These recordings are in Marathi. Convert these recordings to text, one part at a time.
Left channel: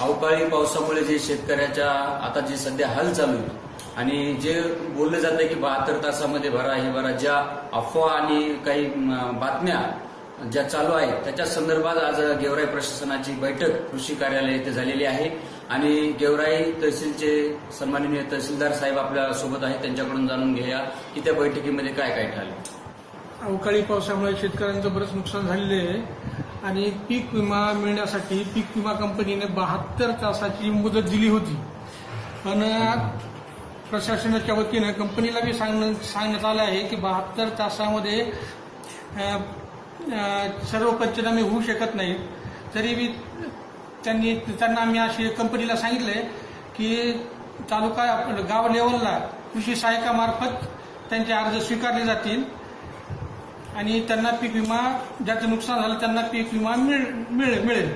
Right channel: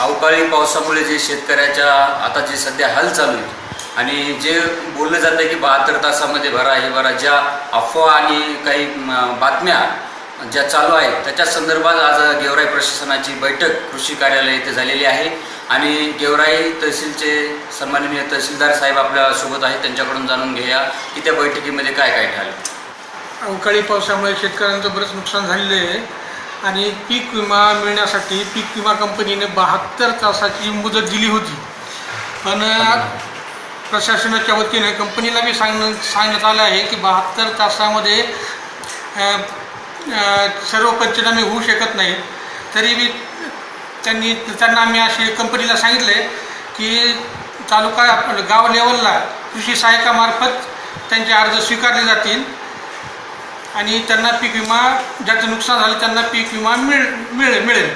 अवकाळी पावसामुळे जे शेतकऱ्याच्या आता जे सध्या हाल चालू आहे आणि जे बोललं जातं आहे की 72 तासामध्ये भरा हे भरा, ज्या अफवा आणि काही बातम्या ज्या चालू आहेत त्याच्या संदर्भात आज गेवराई प्रशासनाची बैठक कृषी कार्यालय येथे झालेली आहे आणि गेवराई तहसीलचे सन्माननीय तहसीलदार साहेब आपल्यासोबत आहेत, त्यांच्याकडून जाणून घेऊया की त्या बैठकीमध्ये काय काय ठरलं। अवकाळी पावसामुळे शेतकऱ्यांचं बरंच नुकसान झालेलं आहे आणि पीक विमा मिळण्यासाठी पीक विमा कंपनीने 72 तासाची मुदत दिली होती, पण प्रशासनाच्या वतीने कंपनीला बी सांगण्यात आलं आहे की 72 तासामध्ये सर्व पंचनामे होऊ शकत नाहीत। तरी बी त्यांना आम्ही असे कंपनीला सांगितले की तालुका गाव लेवलला कृषी सहाय्यकामार्फत त्यांचे अर्ज स्वीकारले जातील आणि त्यांना पीक विमा, ज्याचं नुकसान झालं त्यांना पीक विमा मिळेल।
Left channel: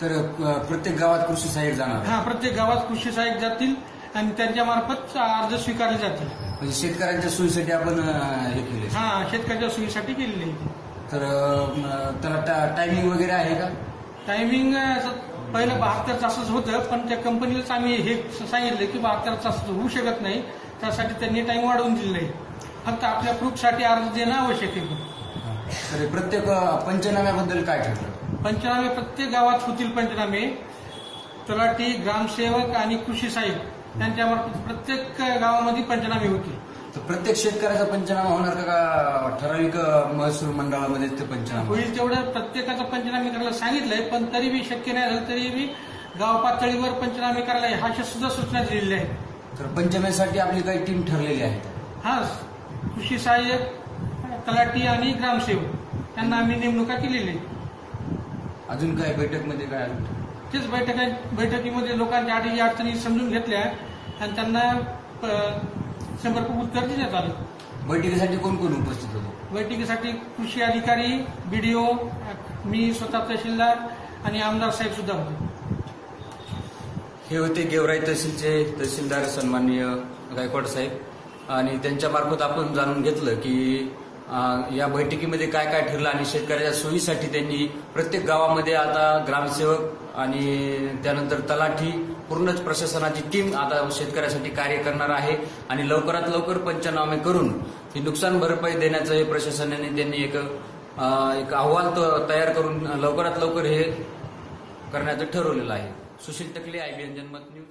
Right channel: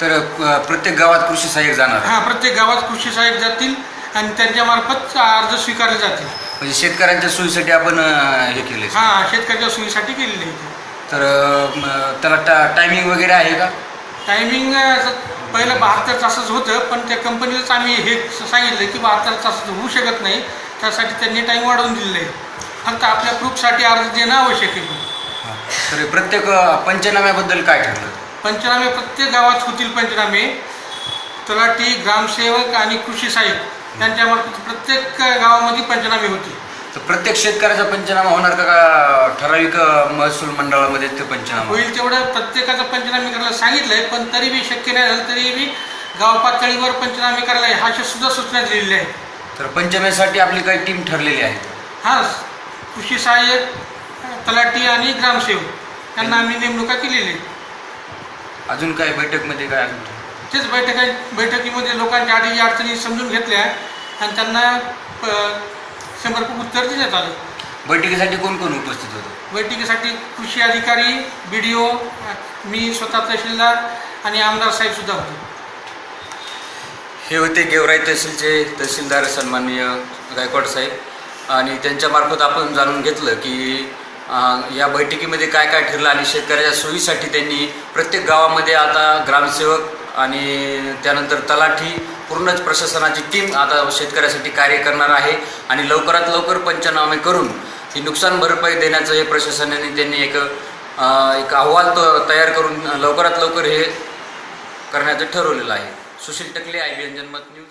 तर प्रत्येक गावात कृषी सहाय्यक जाणार? हां, प्रत्येक गावात कृषी सहाय्यक जातील आणि त्यांच्यामार्फत अर्ज स्वीकारले जातील। म्हणजे शेतकऱ्यांच्या सोयीसाठी आपण हे केले? हां, शेतकऱ्याच्या सोयीसाठी केलेले आहे। तर त्याला टायमिंग वगैरे आहे का? टायमिंग पहिलं 72 तासच होतं, पण त्या कंपनीलाच आम्ही हे सांगितलं की 72 तास होऊ शकत नाही, त्यासाठी त्यांनी टाईम वाढवून दिलेलं आहे। फक्त आपल्या प्रूफसाठी अर्ज देणं आवश्यक आहे। तर प्रत्येक पंचनाम्याबद्दल काय ठरलं? पंचनामे प्रत्येक गावात होतील पंचनामे, तलाठी, ग्रामसेवक आणि कृषी सहाय्यक यांच्यामार्फत प्रत्येक गावामध्ये पंचनामे होतील। तर प्रत्येक शेतकऱ्याचा पंचनामा होणार का ठराविक महसूल मंडळामध्ये ते पंचनामा होईल? तेवढं प्रत्येकाचं पंचनामे करायला सांगितलंय, पण तरी बी शक्य नाही झालं तरी बी गाव पातळीवर पंचनामे करायला ह्या सुद्धा सूचना दिलेल्या आहेत। तर पंचनाम्यासाठी आपली काही टीम ठरलेली आहे? हां, कृषी सहाय्यक, तलाठी आणि ग्रामसेवक यांना आम्ही नेमणुका केलेली आहे। अजून काय बैठकमध्ये काय? तेच बैठकीमध्ये लोकांच्या अडचणी समजून घेतल्या आणि त्यांना समर्पक उत्तर देण्यात आलं। बैठकीसाठी कोण कोण उपस्थित होतं? बैठकीसाठी कृषी अधिकारी, BDO, मी स्वतः तहसीलदार आणि आमदार साहेब सुद्धा होते। हे होते गेवराई तहसीलचे तहसीलदार सन्माननीय गायकवाड साहेब आणि त्यांच्यामार्फत आपण जाणून घेतलं की या बैठकीमध्ये काय काय ठरलं आणि शेतकऱ्याच्या सोयीसाठी त्यांनी प्रत्येक गावामध्ये आता ग्रामसेवक आणि त्यानंतर तलाठी, पूर्णच प्रशासनाची टीम आता शेतकऱ्यासाठी कार्य करणार आहे आणि लवकरात लवकर पंचनामे करून ही नुकसान भरपाई देण्याचं हे प्रशासनाने त्यांनी एक अहवाल तयार करून लवकरात लवकर हे करण्याचं ठरवलेलं आहे। सुशील टकले, IBN जनमत न्यूज।